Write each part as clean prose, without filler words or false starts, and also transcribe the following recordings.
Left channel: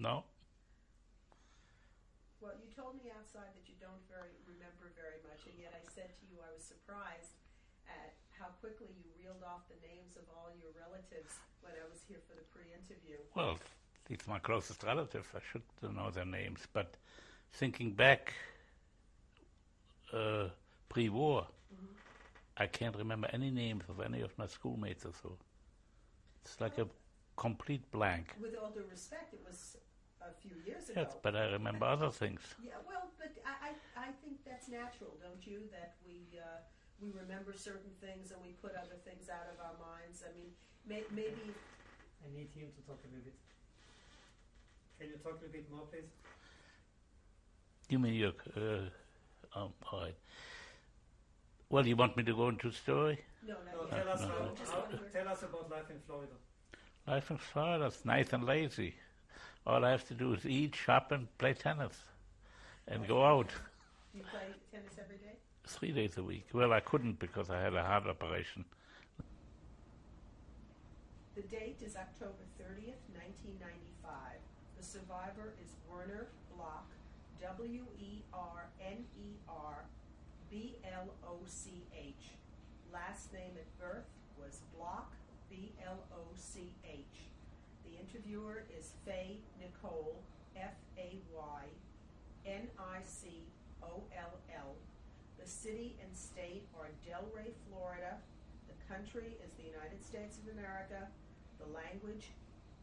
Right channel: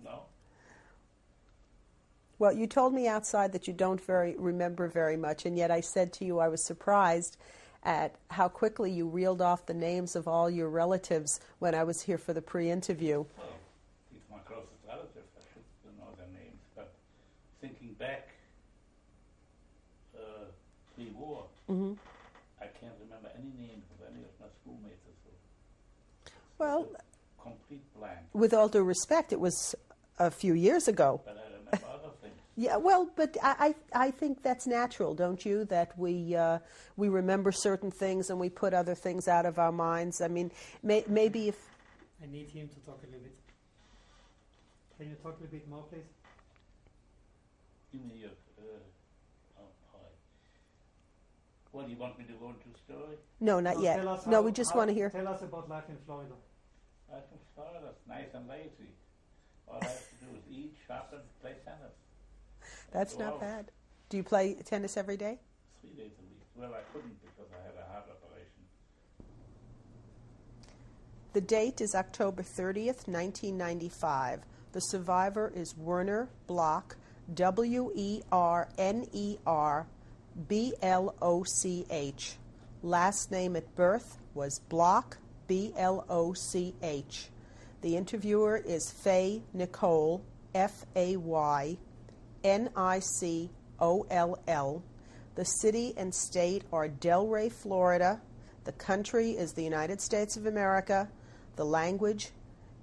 No. Well, you told me outside that you don't remember very much, and yet I said to you I was surprised at how quickly you reeled off the names of all your relatives when I was here for the pre-interview. Well, it's my closest relatives. I should know their names. But thinking back, pre-war, I can't remember any names of any of my schoolmates or so. It's like a complete blank. With all due respect, it was a few years ago. Yes, but I remember other things. Yeah, well, but I think that's natural, don't you? That we remember certain things and we put other things out of our minds. I mean, maybe if... I need him to talk a little bit. Can you talk a little bit more, please? Give me your... all right. Well, you want me to go into the story? No, not yet. No, we just want to hear... Tell us about life in Florida. Life in Florida is nice and lazy. All I have to do is eat, shop, and play tennis. And That's go not out. bad. Do you play tennis every day? 3 days a week. Well, I couldn't because I had a heart operation. The date is October 30th, 1995. The survivor is Werner Bloch, Werner Bloch. Last name at birth was Bloch, Bloch. The interviewer is Faye Nicole, Faynicol. The city and state are Delray, Florida. The country is the United States of America. The language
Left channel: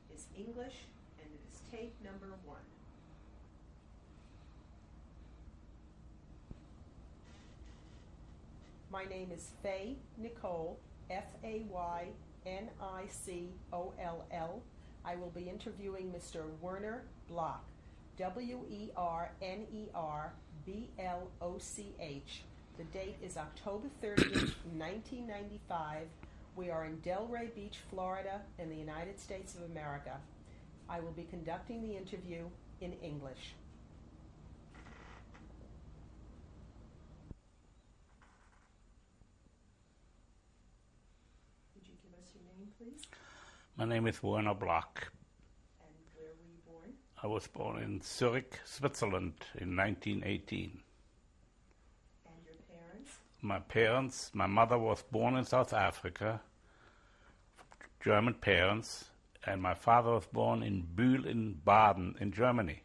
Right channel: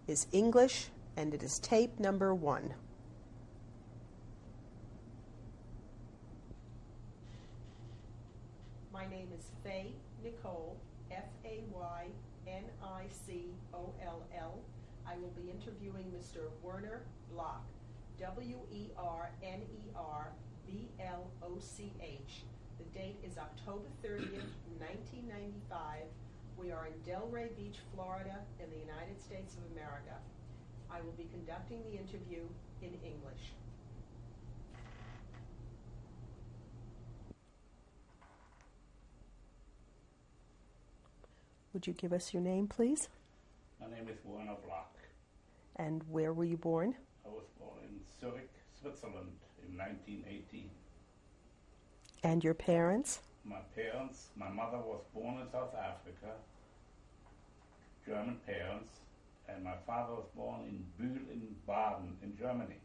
is English, and it is tape number 1. My name is Faye Nicole, Faynicol. I will be interviewing Mr. Werner Bloch, Werner Bloch. The date is October 30th, 1995. We are in Delray Beach, Florida, in the United States of America. I will be conducting the interview in English. Would you give us your name, please? My name is Werner Bloch. And where were you born? I was born in Zurich, Switzerland in 1918. And your parents? My mother was born in South Africa, German parents, and my father was born in Bühl in Baden in Germany.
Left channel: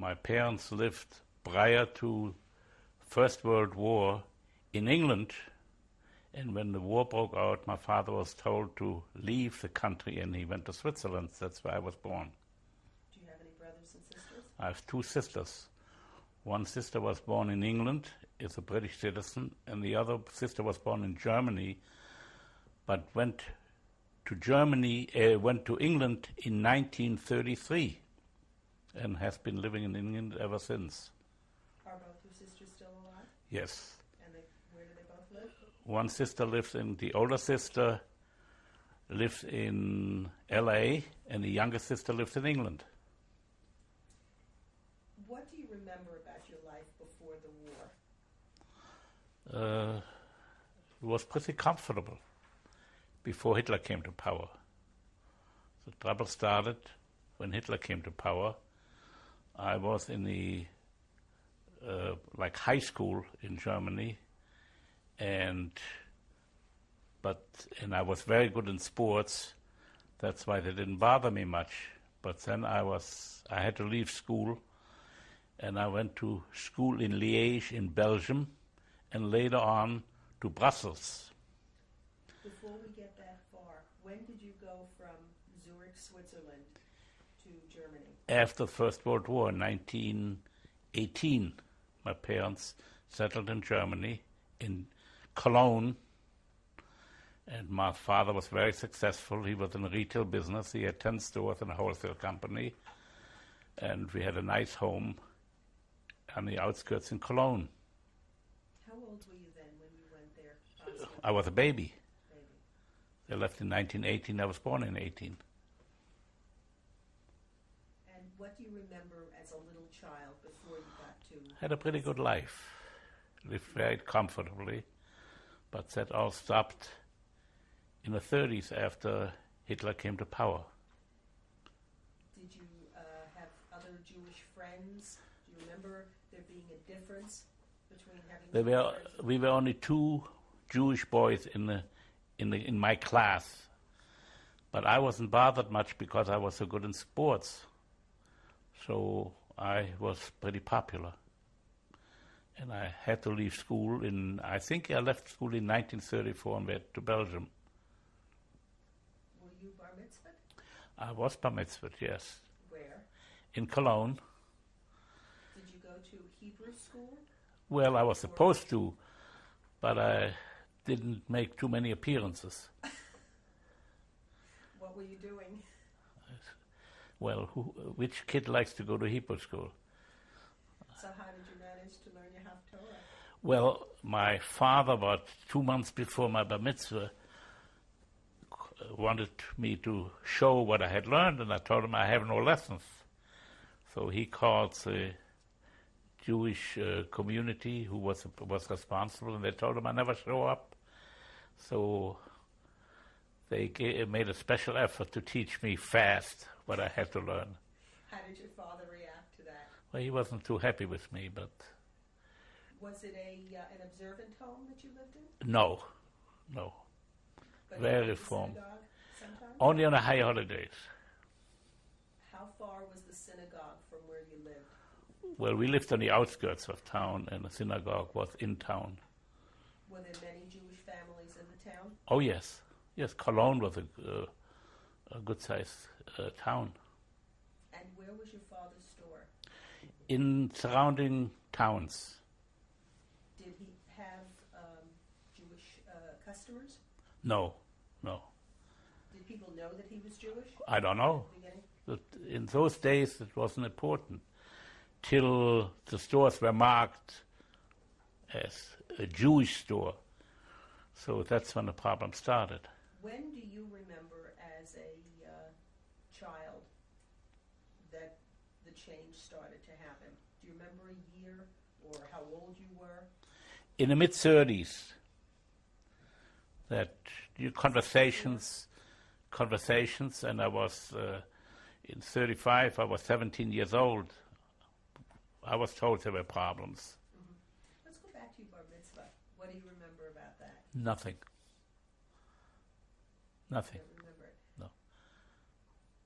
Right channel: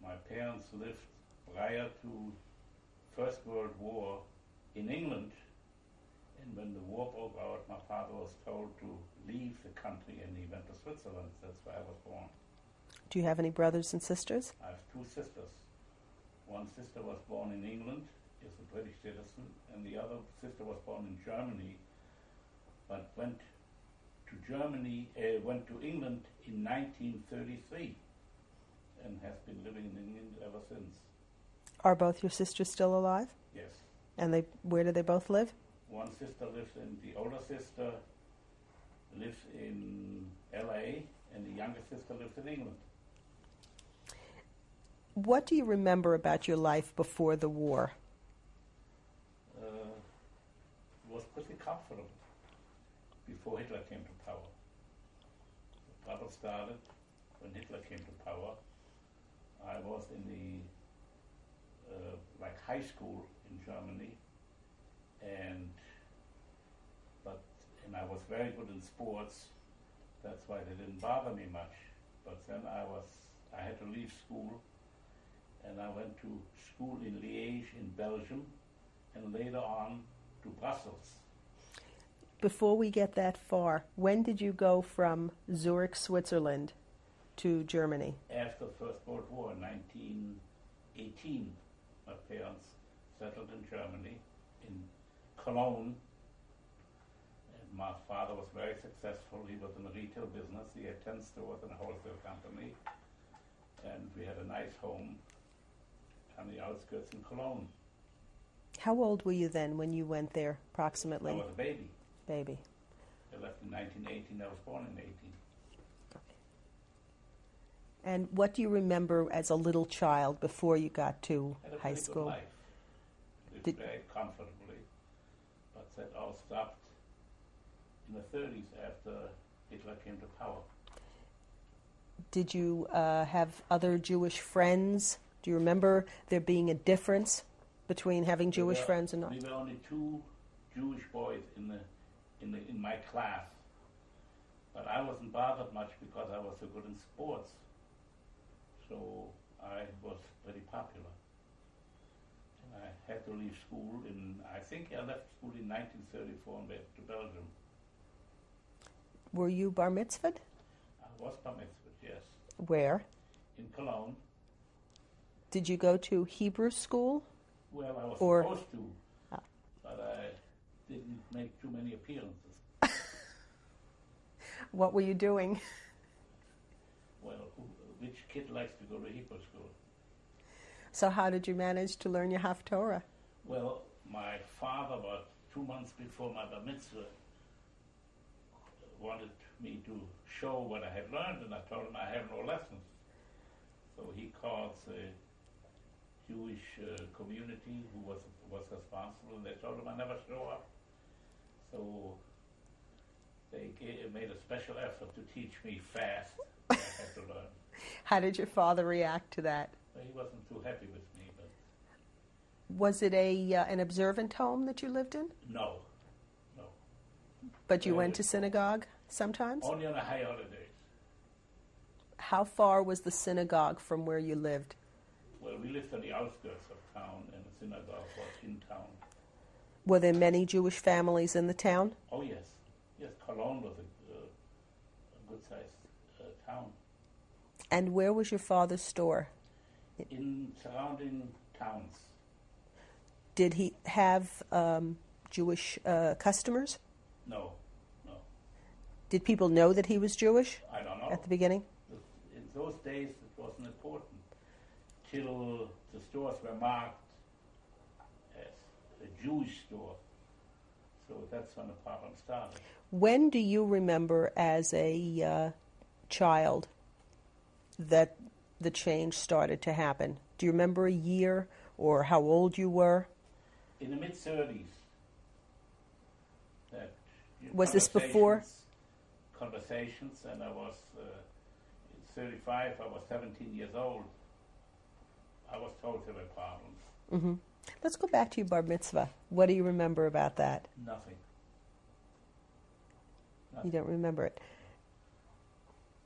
My parents lived prior to First World War in England, and when the war broke out, my father was told to leave the country, and he went to Switzerland. That's where I was born. Do you have any brothers and sisters? I have 2 sisters. One sister was born in England, is a British citizen, and the other sister was born in Germany, but went to England in 1933, and has been living in England ever since. Are both your sisters still alive? Yes. And where do they both live? One sister the older sister lives in L.A., and the younger sister lives in England. What do you remember about your life before the war? It was pretty comfortable before Hitler came to power. The trouble started when Hitler came to power. I was in the high school in Germany, and I was very good in sports. That's why they didn't bother me much. But then I had to leave school, and I went to school in Liège in Belgium, and later on to Brussels. Before we get that far, when did you go from Zurich, Switzerland to Germany? After the First World War, in 1918, my parents settled in Germany, in Cologne, and my father was very successful. He was in the retail business. He had 10 stores and a wholesale company, and we had a nice home on the outskirts in Cologne. How old were you then when you went there, approximately? I was a baby. Baby. They left in 1918. I was born in 18. And what do you remember as a little child before you got to Had a pretty good life. Lived very comfortably. But that all stopped in the 30s after Hitler came to power. Did you have other Jewish friends? Do you remember there being a difference between having Jewish friends and not? We were only two Jewish boys in my class, but I wasn't bothered much because I was so good in sports. So I was pretty popular. And I had to leave school I think I left school in 1934 and went to Belgium. Were you bar mitzvahed? I was bar mitzvahed, yes. Where? In Cologne. Did you go to Hebrew school? Well, I was supposed to, but I didn't make too many appearances. What were you doing? Well, which kid likes to go to Hebrew school? So how did you manage to learn your Haftorah? Well, my father, about 2 months before my bar mitzvah, wanted me to show what I had learned, and I told him I have no lessons. So he called the Jewish community who was responsible, and they told him I never show up. So they made a special effort to teach me fast what I had to learn. How did your father react to that? Well, he wasn't too happy with me, but... Was it an observant home that you lived in? No. But you Very went to reformed. synagogue sometimes? Only on the high holidays. How far was the synagogue from where you lived? Well, we lived on the outskirts of town, and the synagogue was in town. Were there many Jewish families in the town? Oh, yes. Yes, Cologne was a good-sized town. And where was your father's store? In surrounding towns. Did he have Jewish customers? No. Did people know that he was Jewish? I don't know. At the beginning? But in those days, it wasn't important. Till the stores were marked as a Jewish store. So that's when the problem started. When do you remember as a child that the change started to happen? Do you remember a year or how old you were? In the mid-30s, that Was this before? Conversations, and I was, in 35, I was 17 years old. I was told there were problems. Mm-hmm. Let's go back to your bar mitzvah. What do you remember about that? Nothing. You don't remember it?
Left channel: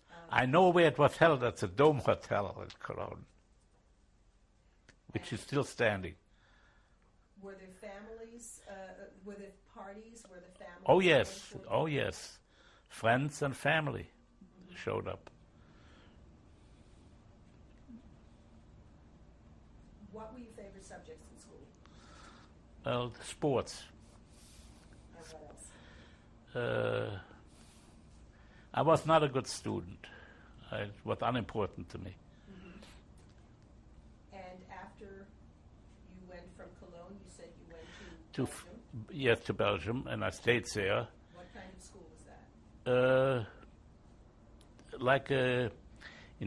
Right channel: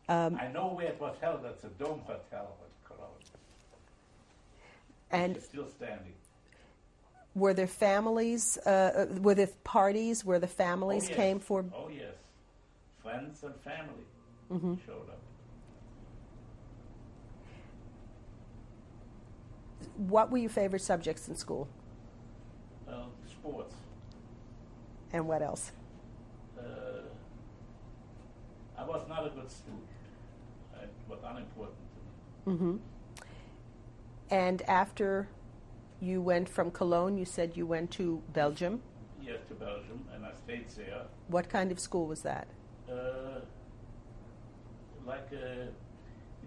No. I know where it was held at the Dome Hotel in Cologne, which is still standing. Were there families, were there parties where the families came for? Oh, yes. Friends and family showed up. What were your favorite subjects in school? Well, sports. And what else? I was not a good student. It was unimportant to me. Mm-hmm. And after you went from Cologne, you said you went to Belgium? Yes, to Belgium, and I stayed there. What kind of school was that? In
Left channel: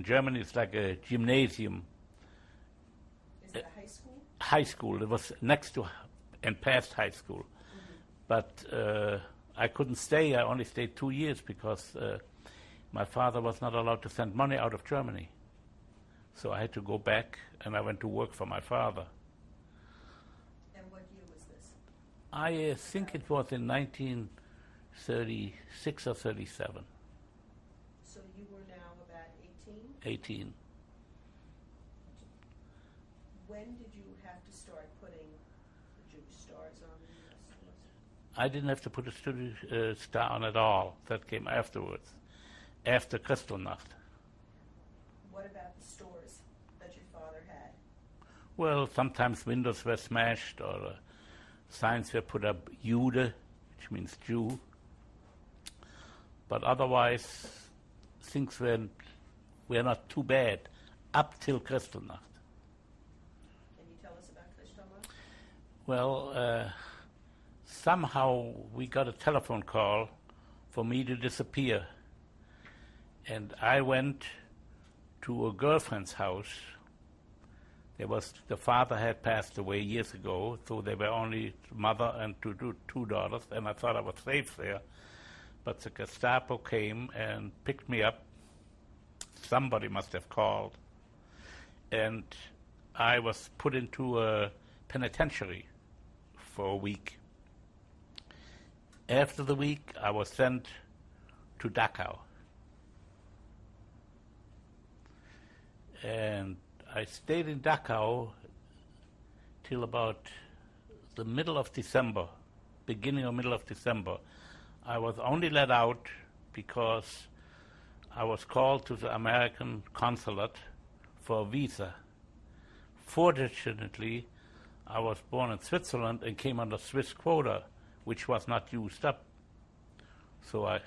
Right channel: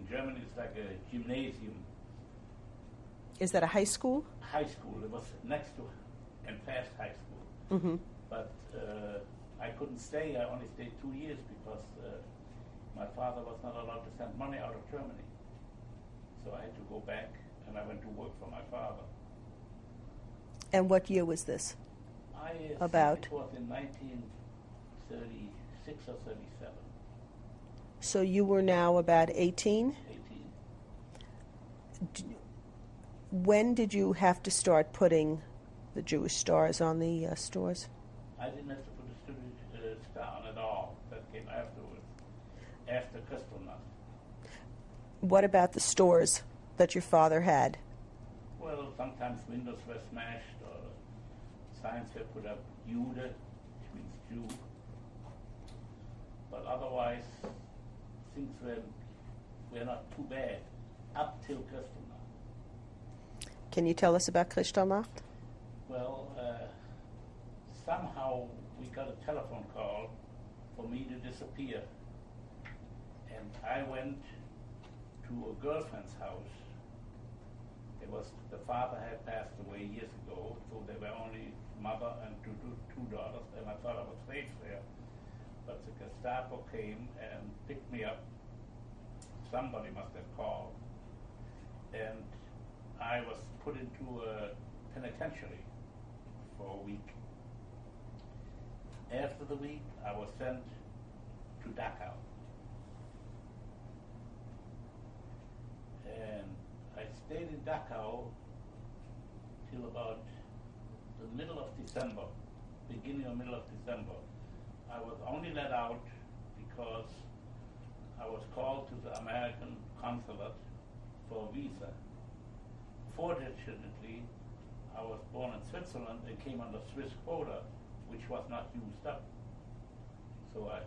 Germany, it's like a gymnasium. Is that a high school? High school. It was next to and past high school. Mm-hmm. But I couldn't stay. I only stayed 2 years because my father was not allowed to send money out of Germany. So I had to go back, and I went to work for my father. And what year was this? I think it was in 1936 or 37. So you were now about 18? 18. When did you have to start putting the Jewish stars on the stores? I didn't have to put a star on at all. That came afterwards, after Kristallnacht. What about the stores that your father had? Well, sometimes windows were smashed or signs were put up, Jude, which means Jew. But otherwise, things were not too bad up till Kristallnacht. Can you tell us about Kristallnacht? Well, somehow we got a telephone call for me to disappear. And I went to a girlfriend's house. The father had passed away years ago, so there were only mother and two daughters, and I thought I was safe there. But the Gestapo came and picked me up somebody must have called. And I was put into a penitentiary for a week. After the week, I was sent to Dachau. And I stayed in Dachau till about the middle of December, beginning or middle of December. I was only let out because I was called to the American consulate for a visa. Fortunately, I was born in Switzerland and came under Swiss quota, which was not used up. So I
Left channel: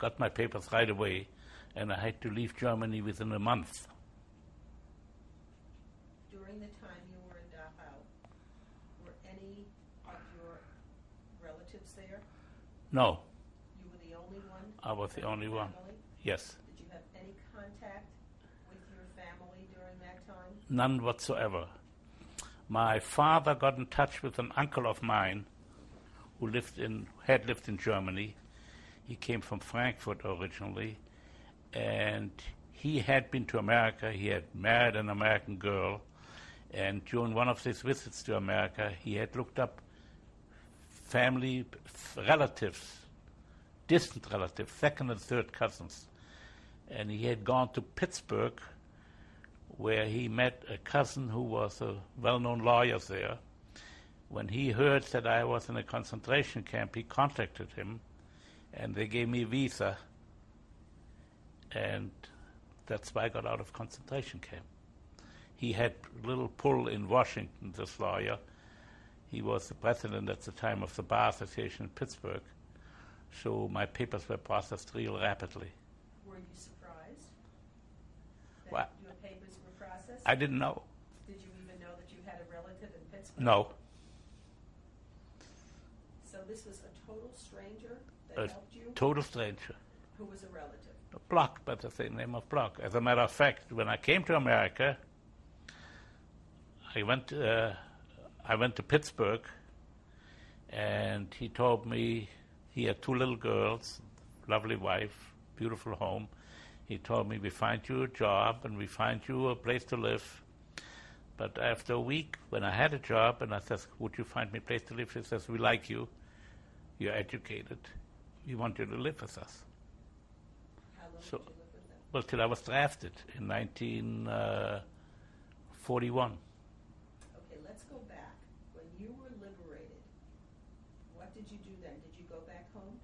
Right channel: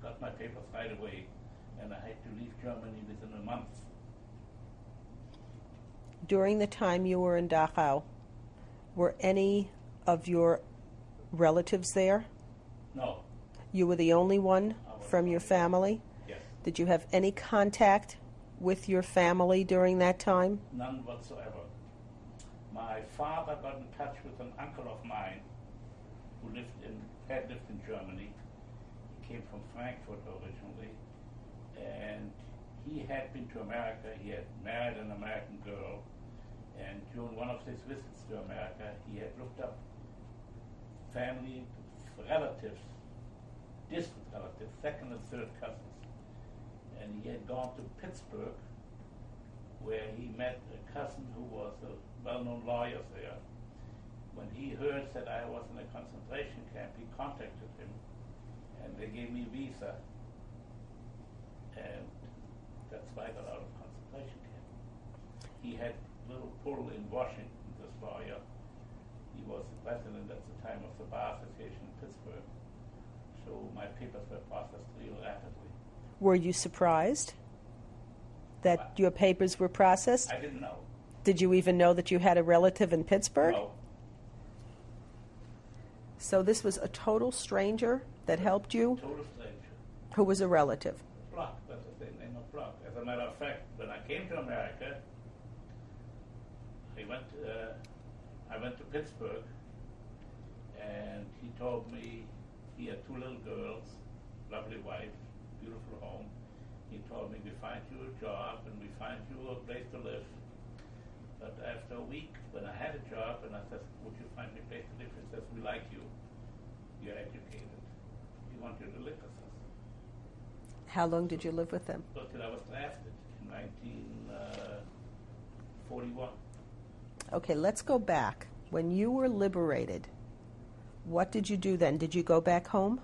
got my papers right away, and I had to leave Germany within a month. During the time you were in Dachau, were any of your relatives there? No. You were the only one from your family? One. Yes. Did you have any contact with your family during that time? None whatsoever. My father got in touch with an uncle of mine who had lived in Germany. He came from Frankfurt originally, and he had been to America. He had married an American girl, and during one of his visits to America, he had looked up family relatives, distant relatives, second and third cousins. And he had gone to Pittsburgh, where he met a cousin who was a well-known lawyer there. When he heard that I was in a concentration camp, he contacted him, and they gave me a visa, and that's why I got out of concentration camp. He had a little pull in Washington, this lawyer. He was the president at the time of the Bar Association in Pittsburgh, so my papers were processed real rapidly. Were you surprised that your papers were processed? I didn't know. Did you even know that you had a relative in Pittsburgh? No. So this was a total stranger that helped you? Total stranger. Who was a relative? Bloch, but the same name of Bloch. As a matter of fact, when I came to America, I went to Pittsburgh, and he told me he had 2 little girls, lovely wife, beautiful home. He told me, we find you a job and we find you a place to live. But after a week, when I had a job, and I said, would you find me a place to live? He says, we like you. You're educated. We want you to live with us. How long did you live with them? Well, till I was drafted in 1941. Okay, let's go back. When you were liberated, what did you do then? Did you go back home?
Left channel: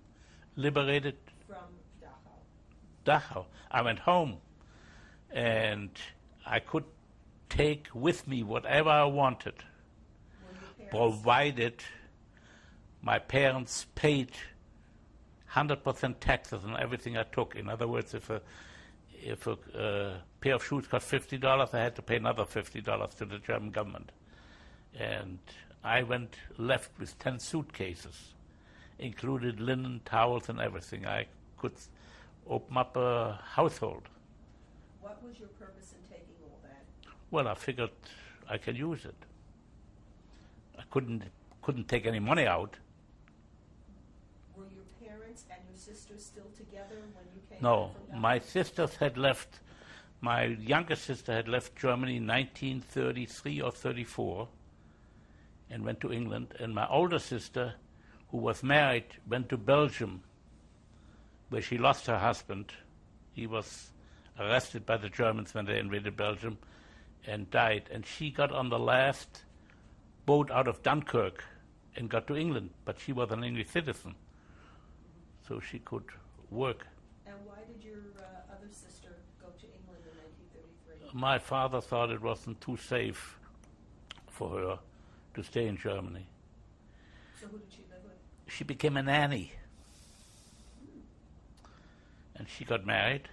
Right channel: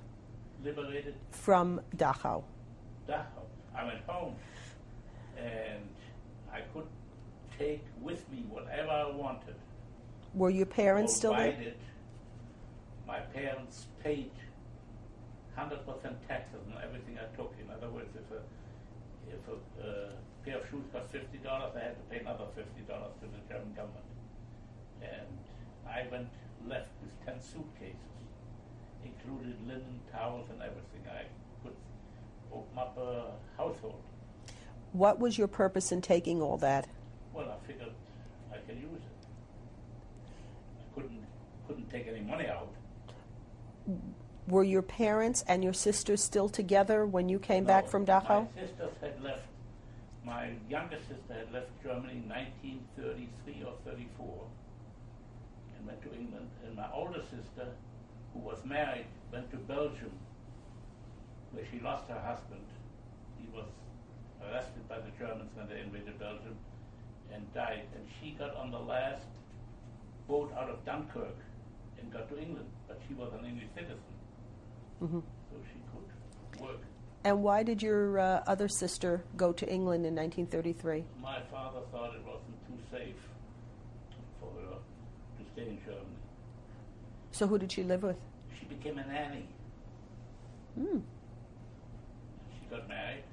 Liberated? From Dachau. Dachau. I went home, and I could take with me whatever I wanted. Were your parents provided still there? My parents paid 100% taxes on everything I took. In other words, if a pair of shoes cost $50, I had to pay another $50 to the German government. And I left with 10 suitcases, included linen, towels, and everything. I could open up a household. What was your purpose in taking all that? Well, I figured I could use it. I couldn't take any money out. Were your parents and your sisters still together when you came back from Dachau? My sisters had left. My youngest sister had left Germany in 1933 or 34 and went to England. And my older sister, who was married, went to Belgium, where she lost her husband. He was arrested by the Germans when they invaded Belgium and died. And she got on the last boat out of Dunkirk and got to England, but she was an English citizen, so she could work. And why did your other sister go to England in 1933? My father thought it wasn't too safe for her to stay in Germany. So who did she live with? She became a nanny. And she got married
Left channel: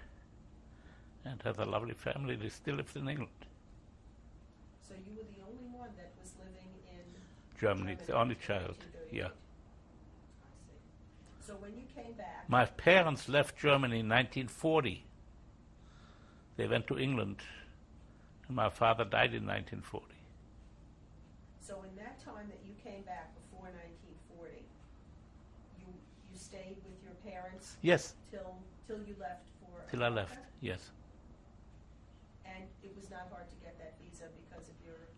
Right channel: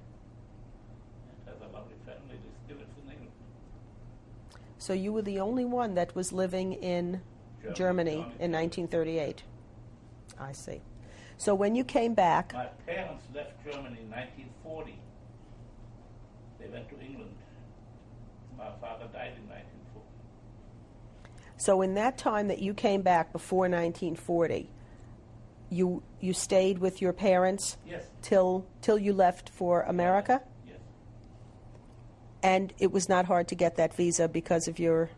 and has a lovely family. They still live in England. So you were the only one that was living in Germany in 1938. Yeah. I see. So when you came back... My parents left Germany in 1940. They went to England. My father died in 1940. So in that time that you came back before 1940, you stayed with your parents? Yes. Till you left for America? Yes. And it was not hard to get that visa because of your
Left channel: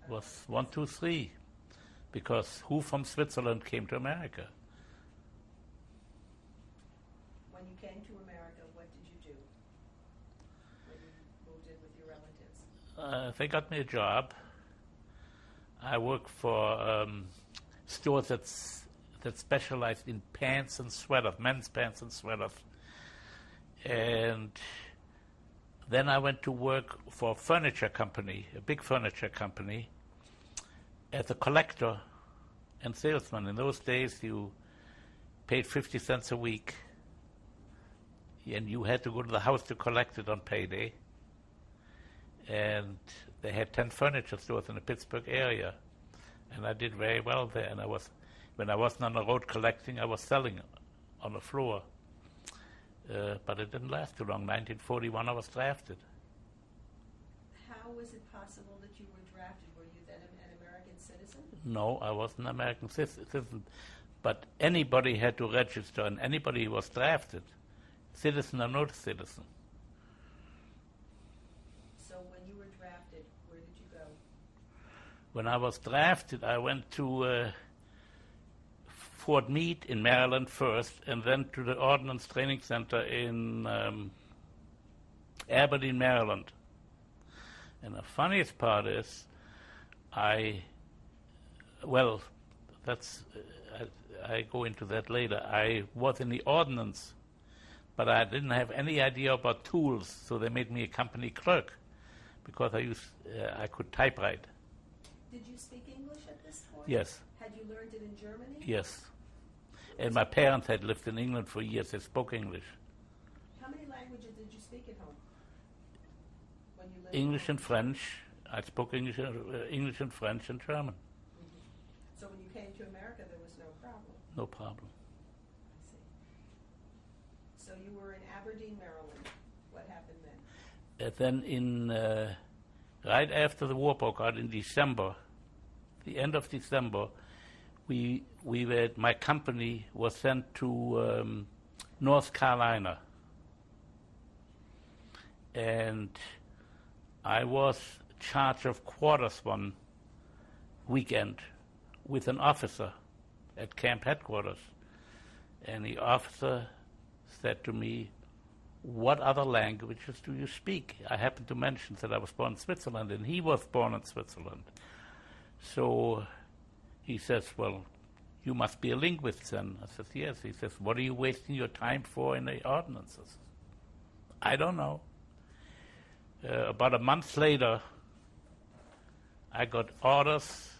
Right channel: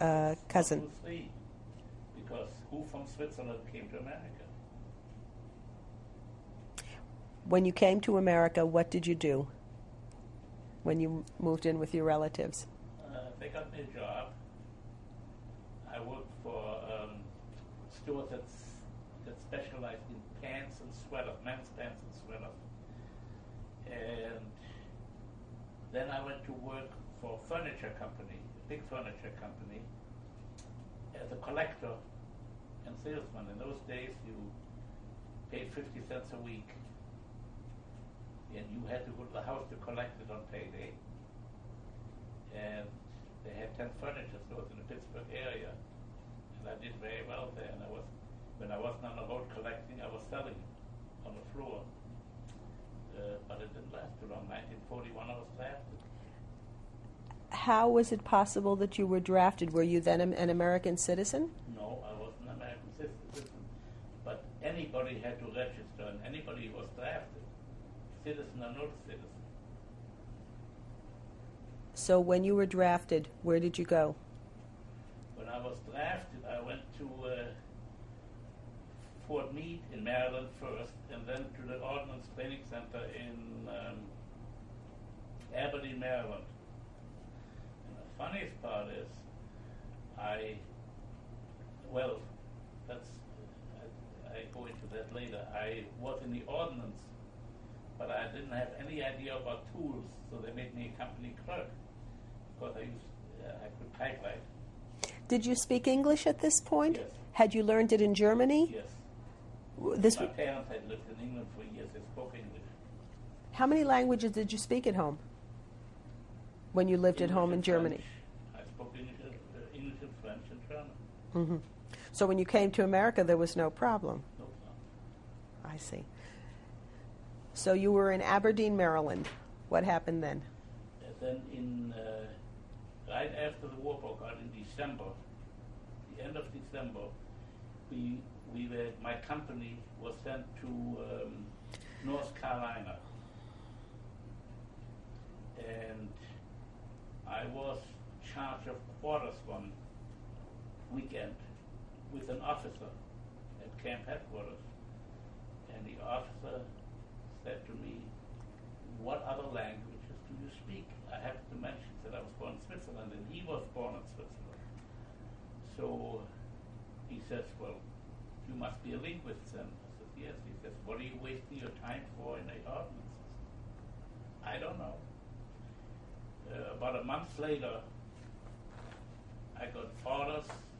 Was cousin. 1, 2, 3, because who from Switzerland came to America? When you came to America, what did you do when you moved in with your relatives? They got me a job. I worked for stores that specialized in pants and sweaters, men's pants and sweaters. And then I went to work for a furniture company, a big furniture company, as a collector and salesman. In those days, you paid 50 cents a week, and you had to go to the house to collect it on payday. And they had 10 furniture stores in the Pittsburgh area, and I did very well there. And when I wasn't on the road collecting, I was selling on the floor. But it didn't last too long. 1941, I was drafted. How was it possible that you were drafted? Were you then an American citizen? No, I wasn't an American citizen. But anybody had to register, and anybody was drafted, citizen or not citizen. So when you were drafted, where did you go? When I was drafted, I went to Fort Meade in Maryland first, and then to the Ordnance Training Center in Aberdeen, Maryland. And the funniest part is, I go into that later. I was in the Ordnance, but I didn't have any idea about tools, so they made me a company clerk because I could typewrite. Did you speak English at this point? Yes. Had you learned it in Germany? Yes. And my parents had lived in England for years. They spoke English. How many languages did you speak at home when you lived English at home in and Germany? French. I spoke English and French and German. Mm-hmm. So when you came to America, there was no problem? No problem. I see. So you were in Aberdeen, Maryland. What happened then? Then right after the war broke out in December, the end of December, my company was sent to North Carolina, and I was in charge of quarters one weekend with an officer at camp headquarters, and the officer said to me, "What other languages do you speak?" I happened to mention that I was born in Switzerland, and he was born in Switzerland. So he says, "Well, you must be a linguist then." I said, "Yes." He says, "What are you wasting your time for in the ordinances?" I don't know. About a month later, I got orders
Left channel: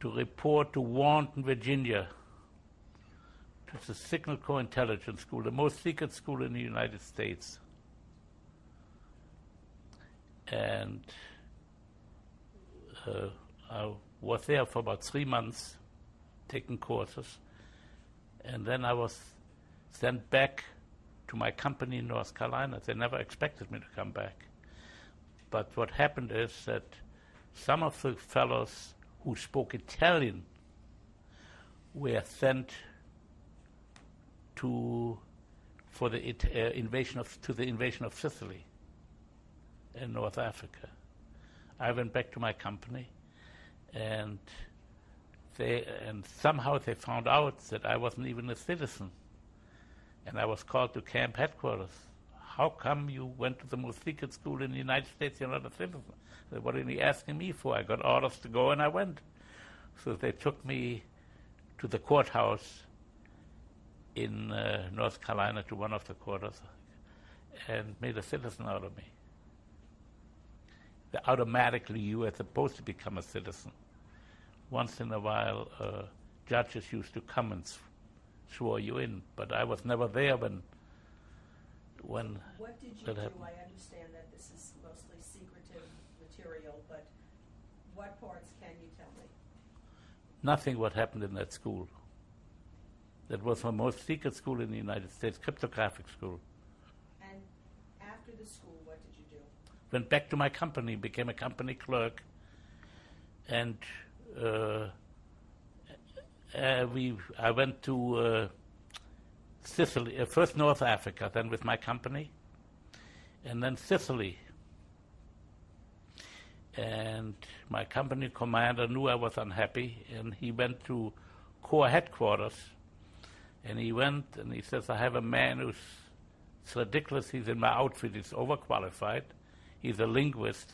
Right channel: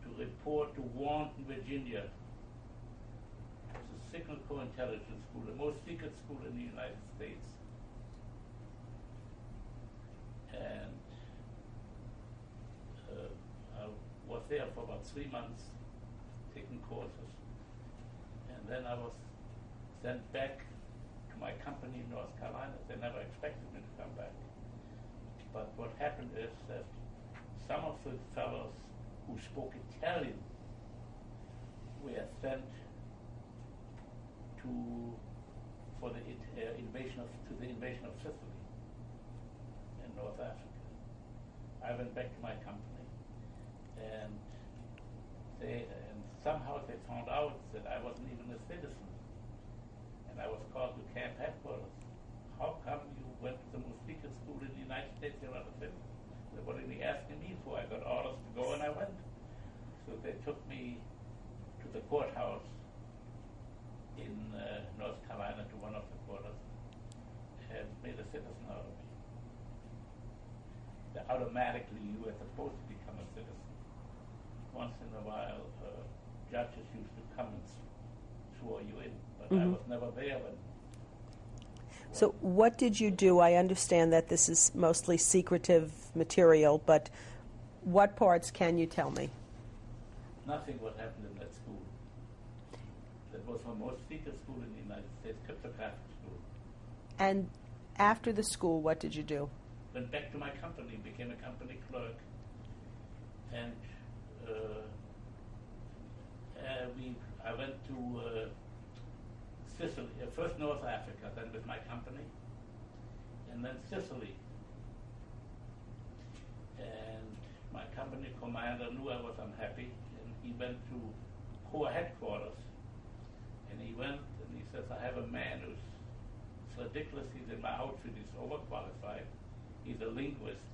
to report to Warrenton, Virginia, to the Signal Corps Intelligence School, the most secret school in the United States. And I was there for about 3 months, taking courses, and then I was sent back to my company in North Carolina. They never expected me to come back. But what happened is that some of the fellows who spoke Italian were sent to the invasion of Sicily in North Africa. I went back to my company, and somehow they found out that I wasn't even a citizen, and I was called to camp headquarters. "How come you went to the most secret school in the United States? You're not a citizen." They said, "What are you asking me for?" I got orders to go, and I went. So they took me to the courthouse in North Carolina, to one of the quarters, and made a citizen out of me. Automatically, you were supposed to become a citizen. Once in a while, judges used to come and swore you in, but I was never there when So what did you do? I understand that this is mostly secretive material, but what parts can you tell me? Nothing what happened in that school. That was the most secret school in the United States, cryptographic school. And after the school, what did you do? Went back to my company, became a company clerk, and I went to Sicily, first North Africa, then with my company, and then Sicily. And my company commander knew I was unhappy, and he went to Corps headquarters, and he went and he says, I have a man who's, it's ridiculous, he's in my outfit, he's overqualified, he's a linguist,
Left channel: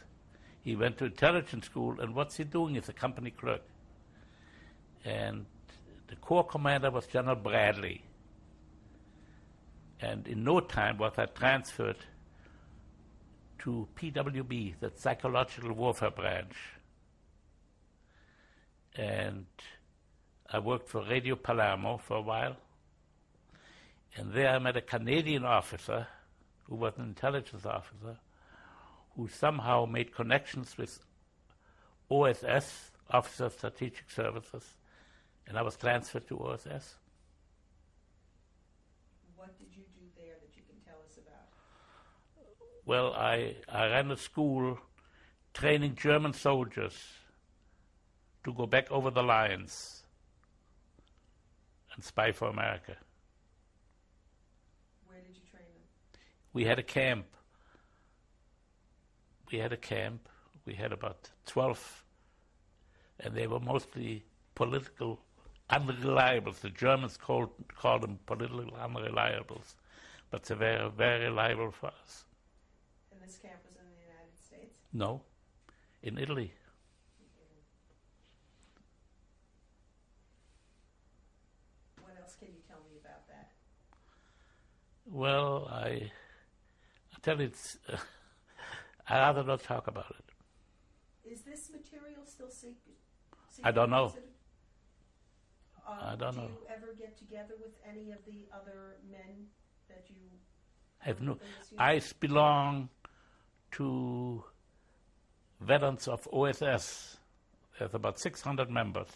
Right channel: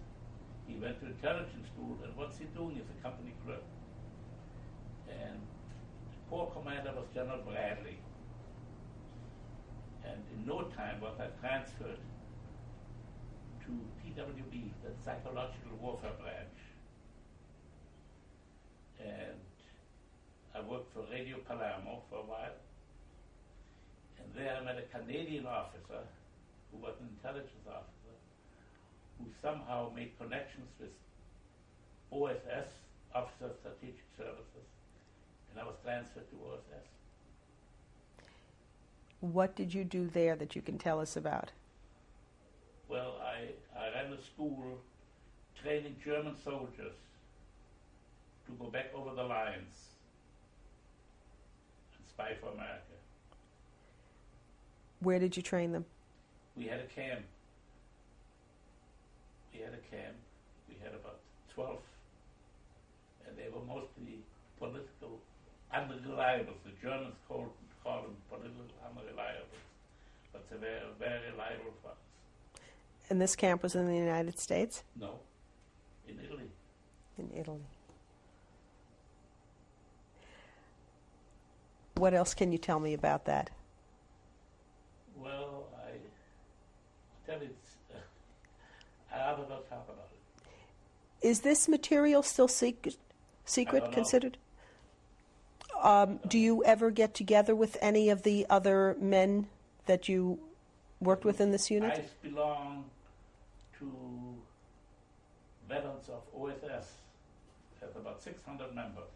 he went to intelligence school, and what's he doing? He's a company clerk. And the Corps commander was General Bradley. And in no time was I transferred to PWB, the Psychological Warfare Branch. And I worked for Radio Palermo for a while. And there I met a Canadian officer who was an intelligence officer who somehow made connections with OSS, Officer of Strategic Services, and I was transferred to OSS. What did you do there that you can tell us about? Well, I ran a school training German soldiers to go back over the lines and spy for America. Where did you train them? We had a camp. We had about 12, and they were mostly political unreliables. The Germans called them political unreliables, but they were very reliable for us. And this camp was in the United States? No, in Italy. In Italy. What else can you tell me about that? Well, I tell you, I'd rather not talk about it. Is this material still secret I don't know. considered? Do you ever get together with any of the other men that you worked with in this unit? I belong to veterans of OSS. There's about 600 members.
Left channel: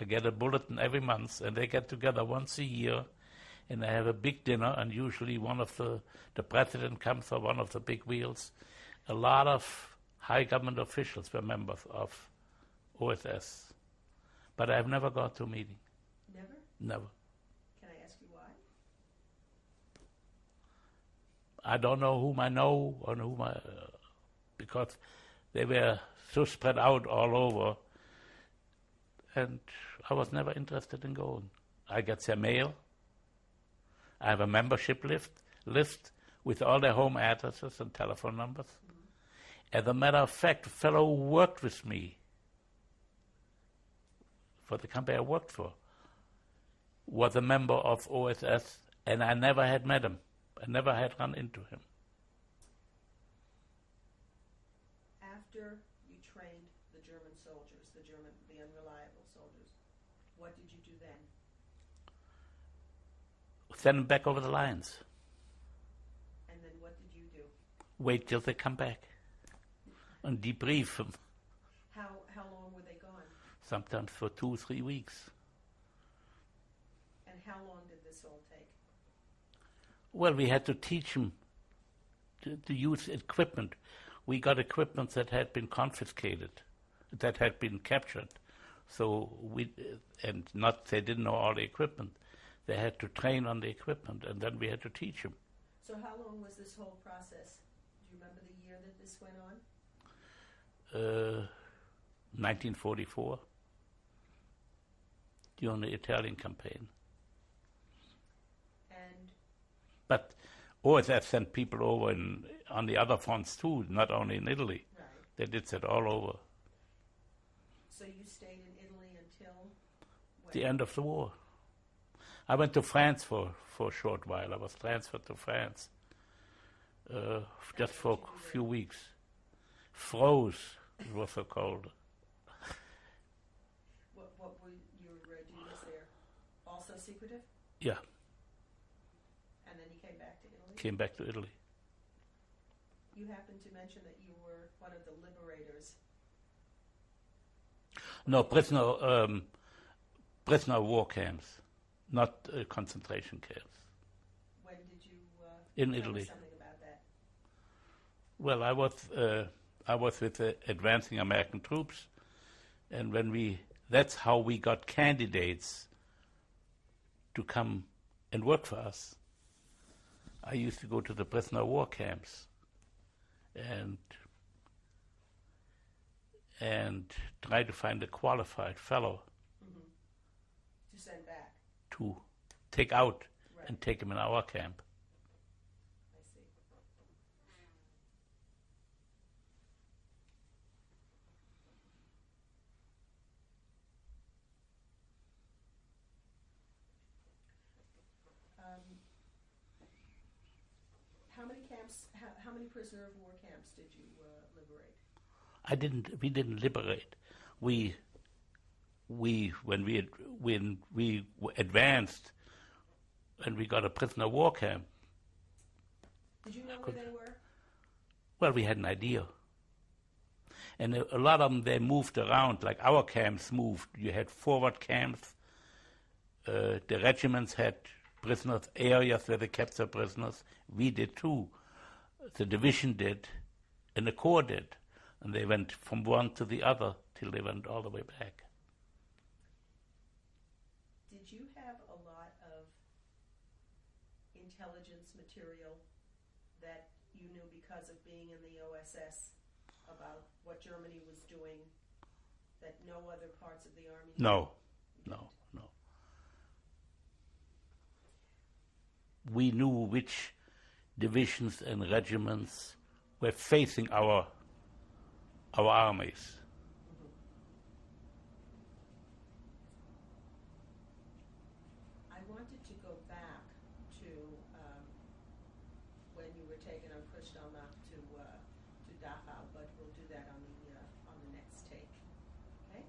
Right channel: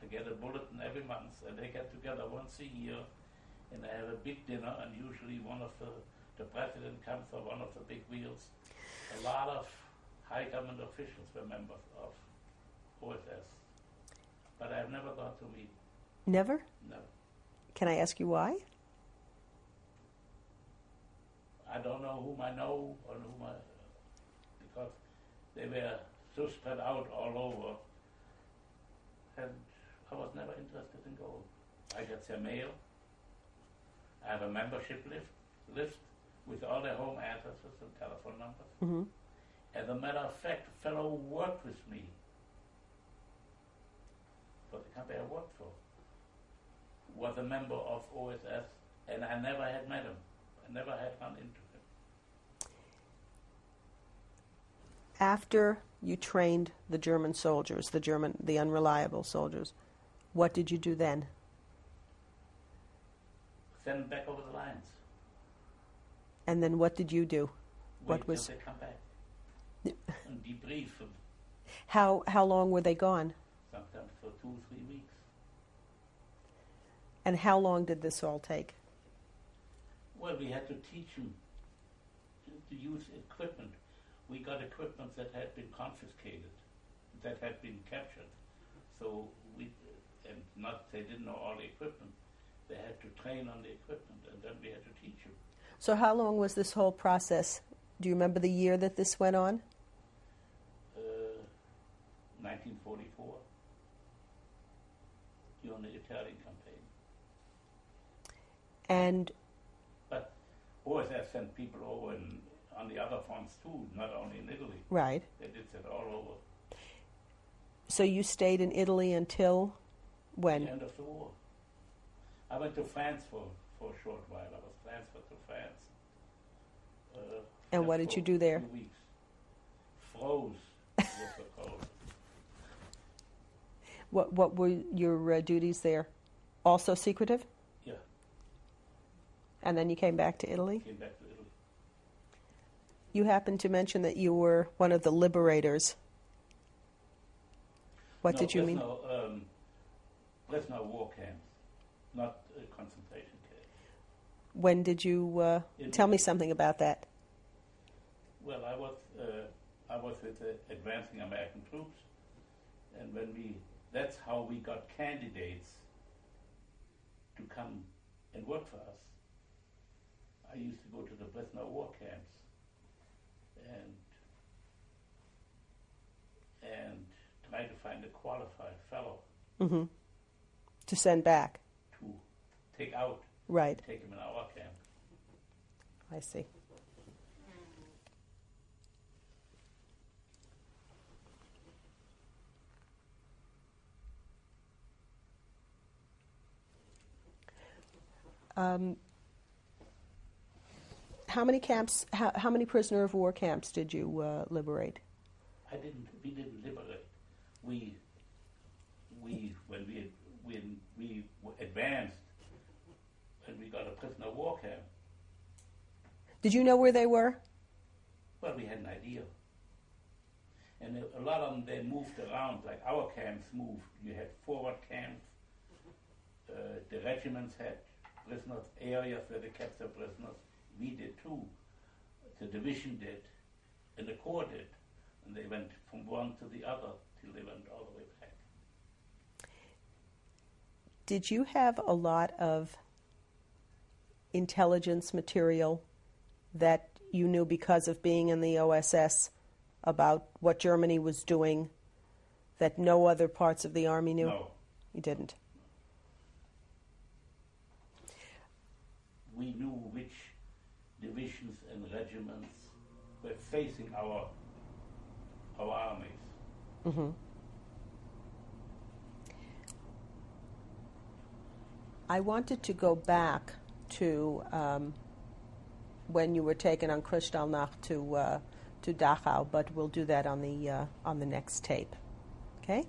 I get a bulletin every month, and they get together once a year, and they have a big dinner, and usually one of the president comes, or one of the big wheels. A lot of high government officials were members of OSS. But I've never gone to a meeting. Never? Never. Can I ask you why? I don't know whom I know or whom I... because they were so spread out all over, and I was never interested in going. I get their mail. I have a membership list with all their home addresses and telephone numbers. Mm-hmm. As a matter of fact, a fellow who worked with me for the company I worked for was a member of OSS, and I never had met him. I never had run into him. After you trained the German soldiers, the unreliable soldiers, what did you do then? Send them back over the lines. And then what did you do? Wait till they come back and debrief them. How long were they gone? Sometimes for 2-3 weeks. And how long did this all take? Well, we had to teach them to use equipment. We got equipment that had been confiscated, that had been captured. So they didn't know all the equipment. They had to train on the equipment, and then we had to teach them. So how long was this whole process? Do you remember the year that this went on? 1944, during the Italian campaign. But OSS sent people over on the other fronts too, not only in Italy. Right. They did that all over. So you stayed in Italy until when? The end of the war. I went to France for a short while. I was transferred to France. And what did you do there? A few weeks. Froze. It was so cold. What were your duties there? Also secretive? Yeah. And then you came back to Italy? Came back to Italy. You happened to mention that you were one of the liberators. What did you mean? Prisoner of war camps, not concentration camps. When did you tell me something about that? Well, I was with the advancing American troops, and that's how we got candidates to come and work for us. I used to go to the prisoner of war camps and try to find a qualified fellow Mm-hmm. To send back. to take out Right. and take him in our camp. I see. How many camps? How many prisoner of war camps did you liberate? We didn't liberate. When we advanced and we got a prisoner of war camp, Did you know where they were? well, we had an idea. And a lot of them, they moved around, like our camps moved. You had forward camps. The regiments had prisoners, areas where they kept their prisoners. We did too. The division did, and the corps did. And they went from one to the other till they went all the way back. Did you have a lot of intelligence material that you knew because of being in the OSS about what Germany was doing that no other parts of the Army knew? No. You didn't? No. We knew which divisions and regiments were facing our armies. Mm-hmm. I wanted to go back to when you were taken on Kristallnacht to Dachau, but we'll do that on the next tape. Okay?